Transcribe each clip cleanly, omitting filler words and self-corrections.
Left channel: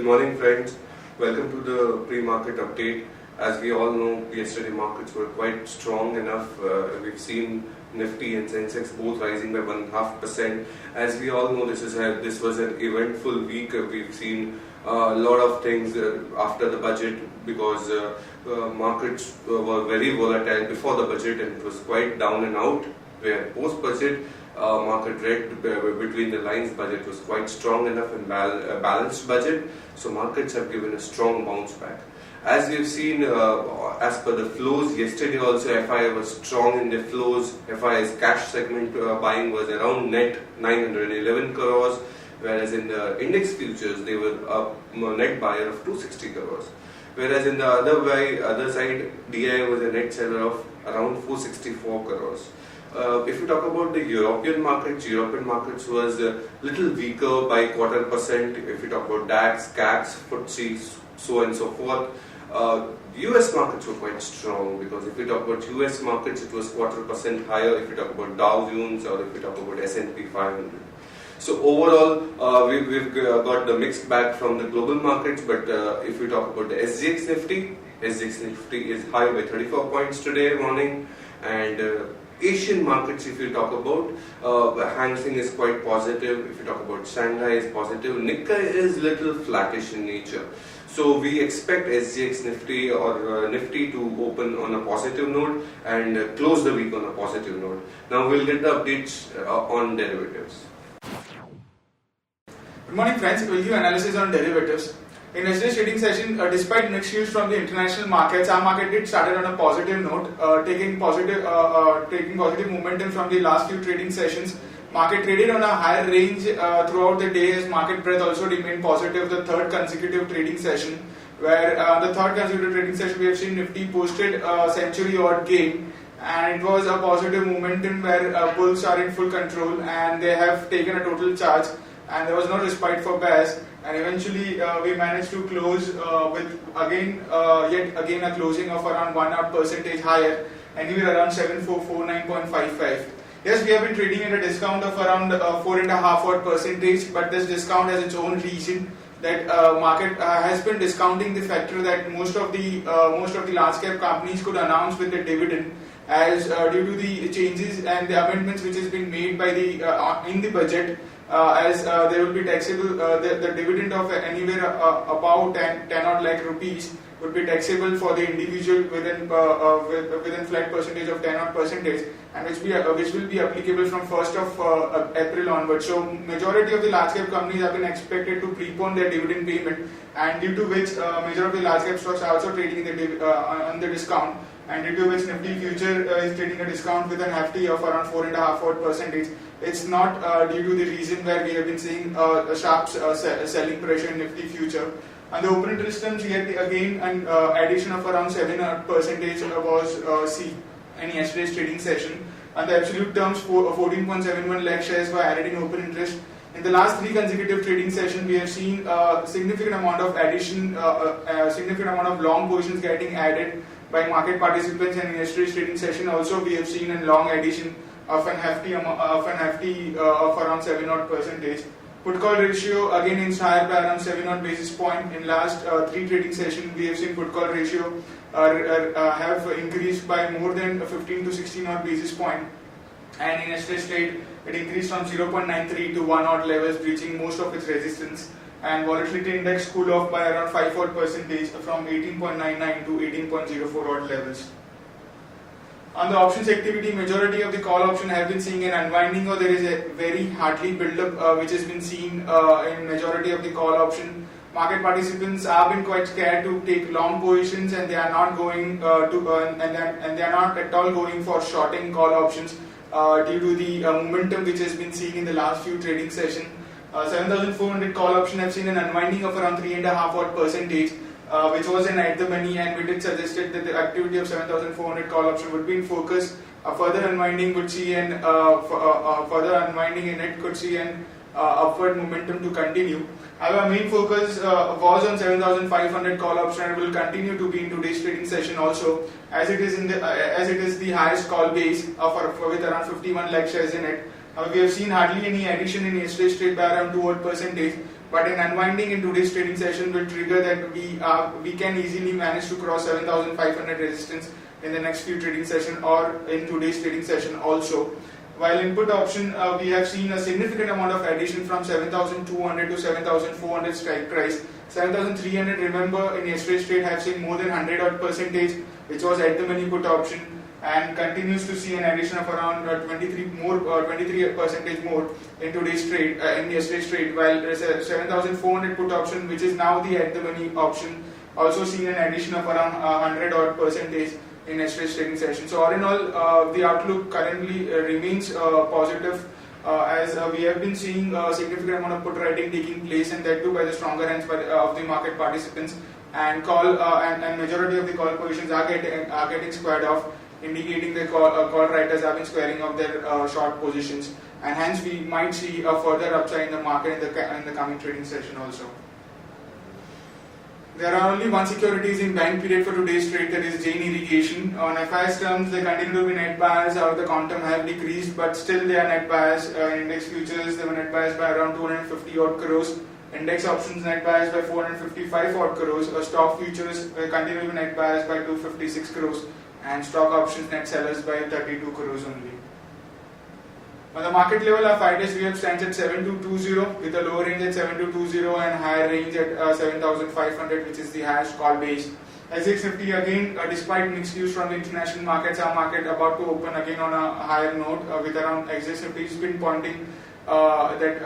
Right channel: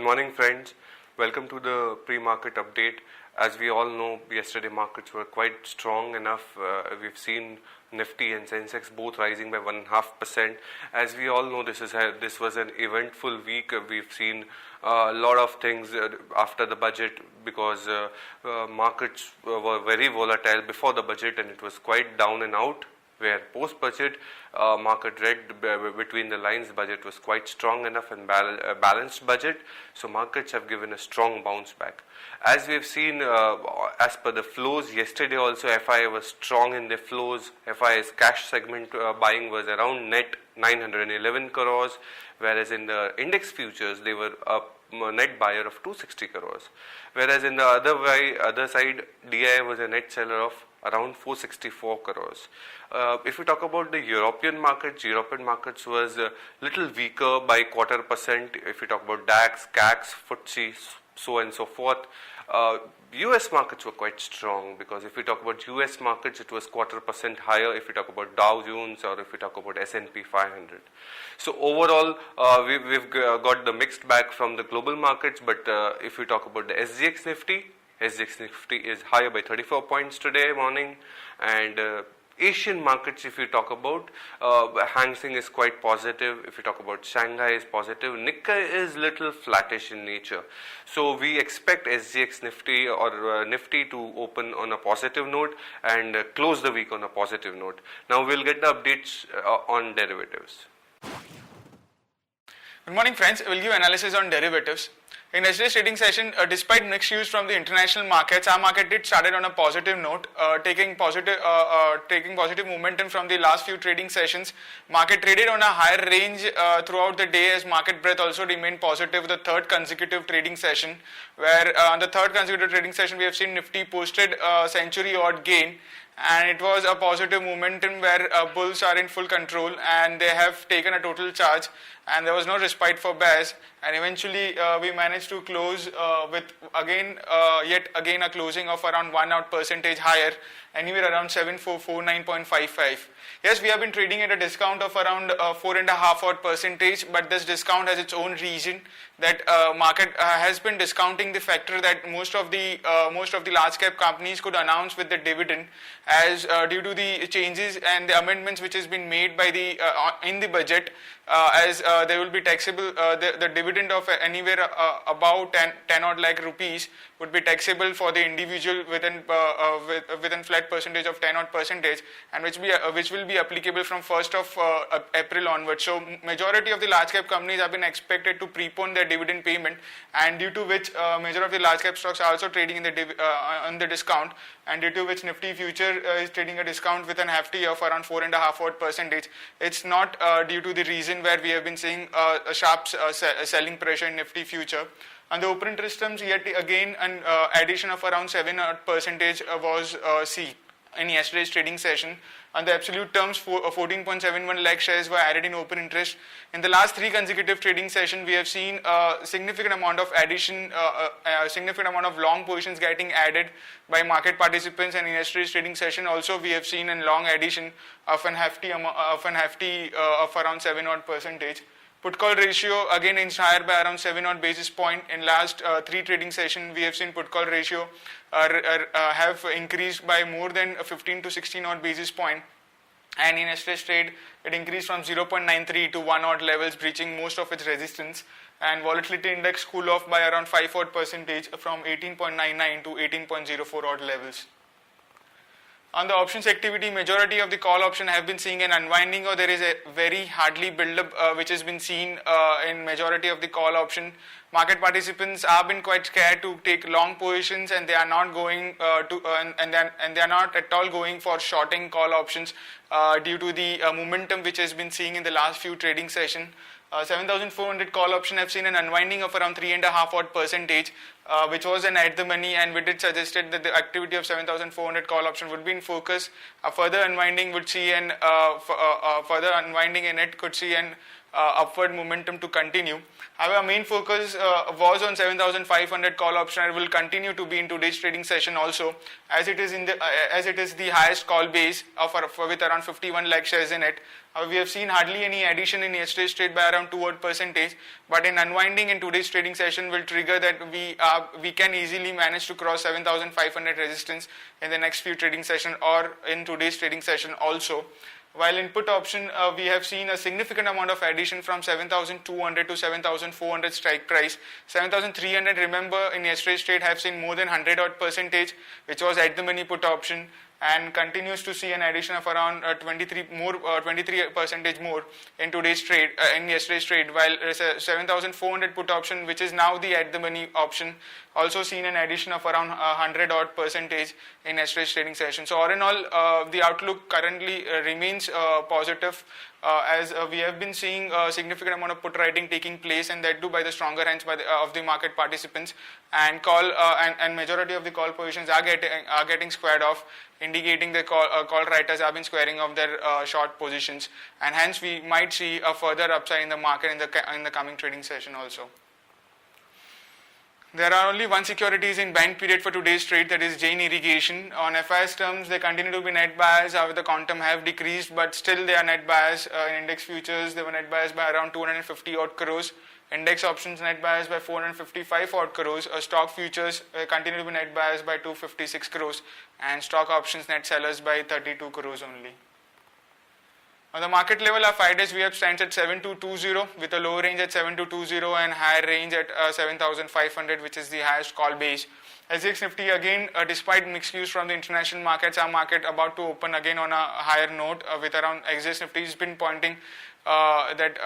Good morning, friends. Welcome to the pre-market update. As we all know, yesterday markets were quite strong enough. We've seen Nifty and Sensex both rising by 1.5%. As we all know, this was an eventful week. We've seen a lot of things after the budget because markets were very volatile before the budget and it was quite down and out. Where post-budget market read between the lines, budget was quite strong enough and balanced budget. So markets have given a strong bounce back. As we've seen, as per the flows, yesterday also FI was strong in the flows. FI's cash segment buying was around net 911 crores, whereas in the index futures they were a net buyer of 260 crores. Whereas in the other side, DI was a net seller of around 464 crores. If we talk about the European markets was a little weaker by 0.25%. If we talk about DAX, CAC, FTSE, so and so forth. US markets were quite strong because if we talk about US markets, it was 0.25% higher. If we talk about Dow Jones or if we talk about S&P 500. So overall, we've got the mixed bag from the global markets. But if we talk about the SGX Nifty is higher by 34 points today morning, and Asian markets, if you talk about, Hang Seng is quite positive. If you talk about Shanghai is positive. Nikkei is little flattish in nature. So we expect SGX Nifty or Nifty to open on a positive note and close the week on a positive note. Now we'll get the updates on derivatives. Good morning, friends. We'll give analysis on derivatives. In yesterday's trading session, despite mixed news from the international markets, our market did started on a positive note, taking positive momentum from the last few trading sessions. Market traded on a higher range throughout the day as market breadth also remained positive. The third consecutive trading session, where the third consecutive trading session we have seen Nifty posted a century odd gain, and it was a positive momentum where bulls are in full control and they have taken a total charge, and there was no respite for bears. And eventually we managed to close with yet again a closing of around 1% higher, anywhere around 7449.55. Yes, we have been trading at a discount of around 4.5%, but this discount has its own reason. That market has been discounting the factor that most of the large cap companies could announce with the dividend, as due to the changes and the amendments which has been made by the in the budget, as there will be taxable the dividend of anywhere about 10 odd lakh rupees would be taxable for the individual within flat percentage of 10 odd percentage, and which will be applicable from 1st of April onwards. So majority of the large cap companies have been expected to prepone their dividend payment, and due to which majority of the large cap stocks are also trading in on the discount, and due to which Nifty future is trading a discount with an hefty of around 4.5%. It's not due to the reason where we have been seeing a sharp selling pressure in Nifty future. And the open interest terms, yet again an addition of around 7% was seen in yesterday's trading session. And the absolute terms, 14.71 lakh shares were added in open interest. In the last 3 consecutive trading sessions, we have seen a significant amount of addition, significant amount of long positions getting added by market participants. And in yesterday's trading session also, we have seen a long addition of an hefty of around 7 odd percentage. Put call ratio again inched higher by around 7 odd basis point. In last 3 trading sessions, we have seen put call ratio have increased by more than 15 to 16 odd basis point. And in yesterday's trade, it increased from 0.93 to 1 odd levels, breaching most of its resistance. And volatility index cool off by around 5 odd percentage from 18.99 to 18.04 odd levels. On the options activity, majority of the call option have been seeing an unwinding, or there is a very hardly build-up which has been seen in majority of the call option. Market participants have been quite scared to take long positions, and they are not going and they are not at all going for shorting call options due to the momentum which has been seeing in the last few trading sessions. 7,400 call option have seen an unwinding of around 3.5%. Which was an at the money, and we did suggested that the activity of 7,400 call option would be in focus. Further unwinding would see an further unwinding in it could see an upward momentum to continue. Our main focus was on 7,500 call option and will continue to be in today's trading session also, as it is the highest call base with around 51 lakh shares in it. We have seen hardly any addition in yesterday's trade by around 2%, but an unwinding in today's trading session will trigger that we can easily manage to cross 7,500 resistance in the next few trading session or in today's trading session also. While input option, we have seen a significant amount of addition from 7,200 to 7,400 strike price. 7,300, remember, in yesterday's trade have seen more than 100 odd percentage, which was at the money put option, and continues to see an addition of around 23 percentage more in today's trade, in yesterday's trade. While there is a 7,400 put option, which is now the at the money option, also seen an addition of around 100 odd percentage in yesterday's trading session. So all in all, the outlook currently remains positive, as we have been seeing a significant amount of put writing taking place, and that too by the stronger hands of the market participants, and and majority of the call positions are getting squared off, indicating the call writers have been squaring off their short positions, and hence we might see a further upside in the market in the coming trading session also. There are only one securities in buying period for today's trade, that is Jain Irrigation. On FIS terms, they continue to be net buyers. However, the quantum have decreased, but still they are net buyers. In index futures, they were net buyers by around 250 odd crores. Index options net buyers by 455 odd crores. Stock futures will continue to be net buyers by 256 crores, and stock options net sellers by 32 crores only. On the market level, our 5 days VWAP stands at 7220 with a lower range at 7220 and higher range at 7500, which is the highest call base. SGX Nifty again, despite mixed news from the international markets, our market about to open again on a higher note, with around SGX Nifty has been pointing that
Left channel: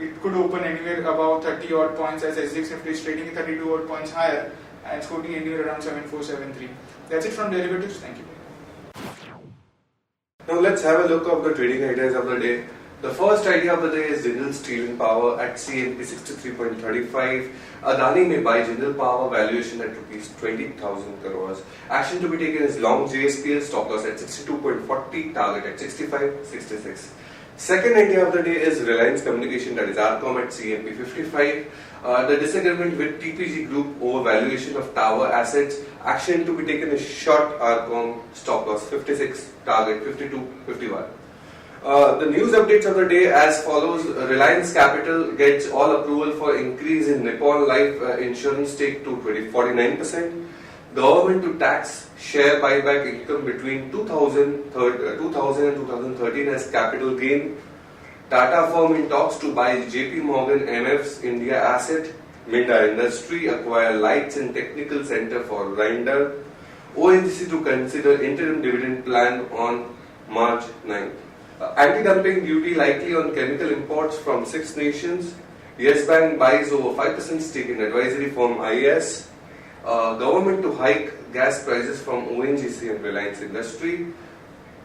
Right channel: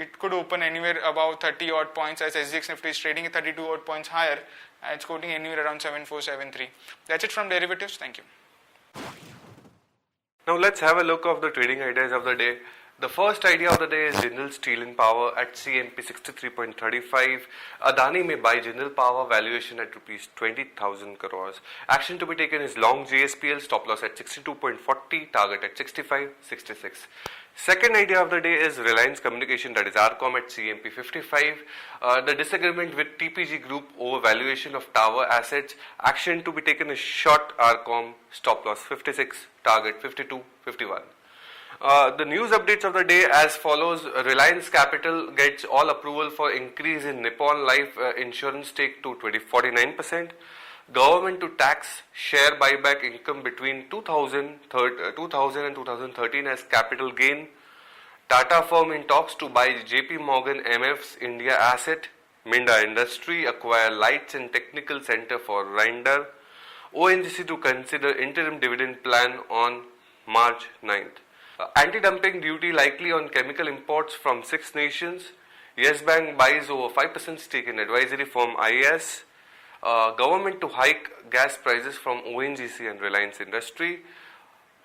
it could open anywhere above 30 odd points, as SGX Nifty is trading at 32 odd points higher and it's quoting anywhere around 7473. That's it from derivatives. Thank you. Now let's have a look at the trading ideas of the day. The first idea of the day is Jindal Steel and Power at CNP 63.35. Adani may buy Jindal Power, valuation at rupees 20,000 crores. Action to be taken is long JSPL, stop loss at 62.40, target at 65.66. Second idea of the day is Reliance Communication, that is RCOM at CNP 55. The disagreement with TPG Group over valuation of tower assets. Action to be taken is short RCOM, stop loss 56, target 52.51. The news updates of the day as follows. Reliance Capital gets all approval for increase in Nippon Life insurance stake to 49%. Government to tax share buyback income between 2000 and 2013 as capital gain. Tata firm in talks to buy JP Morgan MF's India asset. Minda Industry acquire Lights and Technical Center for Render. ONGC to consider interim dividend plan on March 9th. Anti-dumping duty likely on chemical imports from 6 nations. Yes Bank buys over 5% stake in advisory firm IAS. Government to hike gas prices from ONGC and Reliance Industry.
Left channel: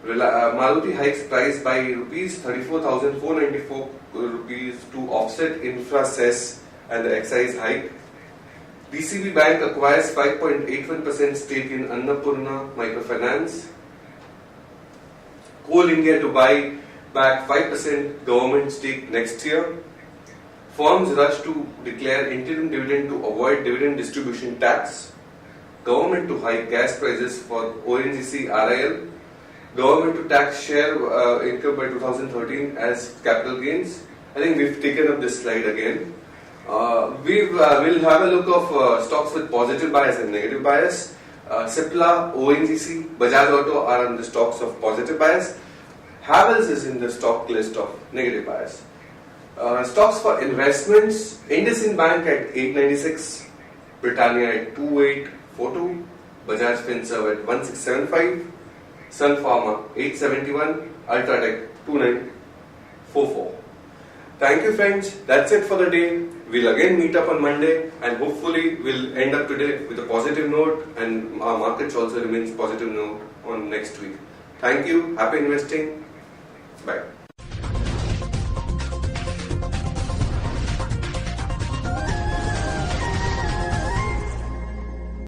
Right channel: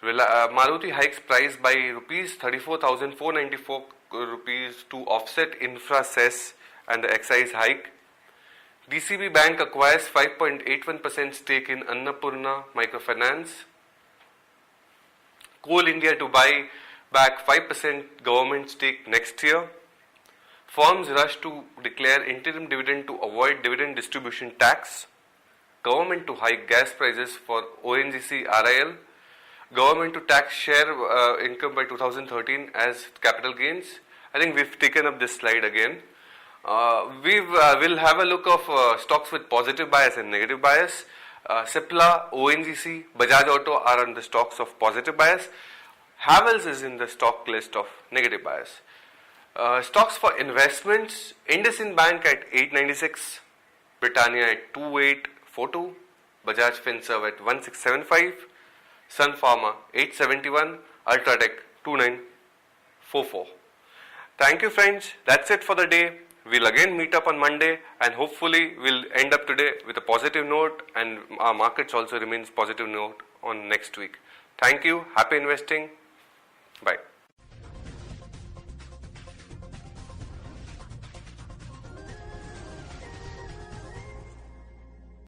Maruti hikes price by rupees 34,494 rupees to offset infra cess and the excise hike. DCB Bank acquires 5.81% stake in Annapurna Microfinance. Coal India to buy back 5% government stake next year. Firms rush to declare interim dividend to avoid dividend distribution tax. Government to hike gas prices for ONGC RIL. Government to tax share income by 2013 as capital gains. I think we've taken up this slide again. We'll have a look of stocks with positive bias and negative bias. Cipla, ONGC, Bajaj Auto are on the stocks of positive bias. Havells is in the stock list of negative bias. Stocks for investments, IndusInd Bank at 896, Britannia at 2842, Bajaj Finserv at 1675, Sun Pharma 871, Ultratech 2944. Thank you friends, that's it for the day. We'll again meet up on Monday and hopefully we'll end up today with a positive note, and our markets also remains positive note on next week. Thank you, happy investing, bye.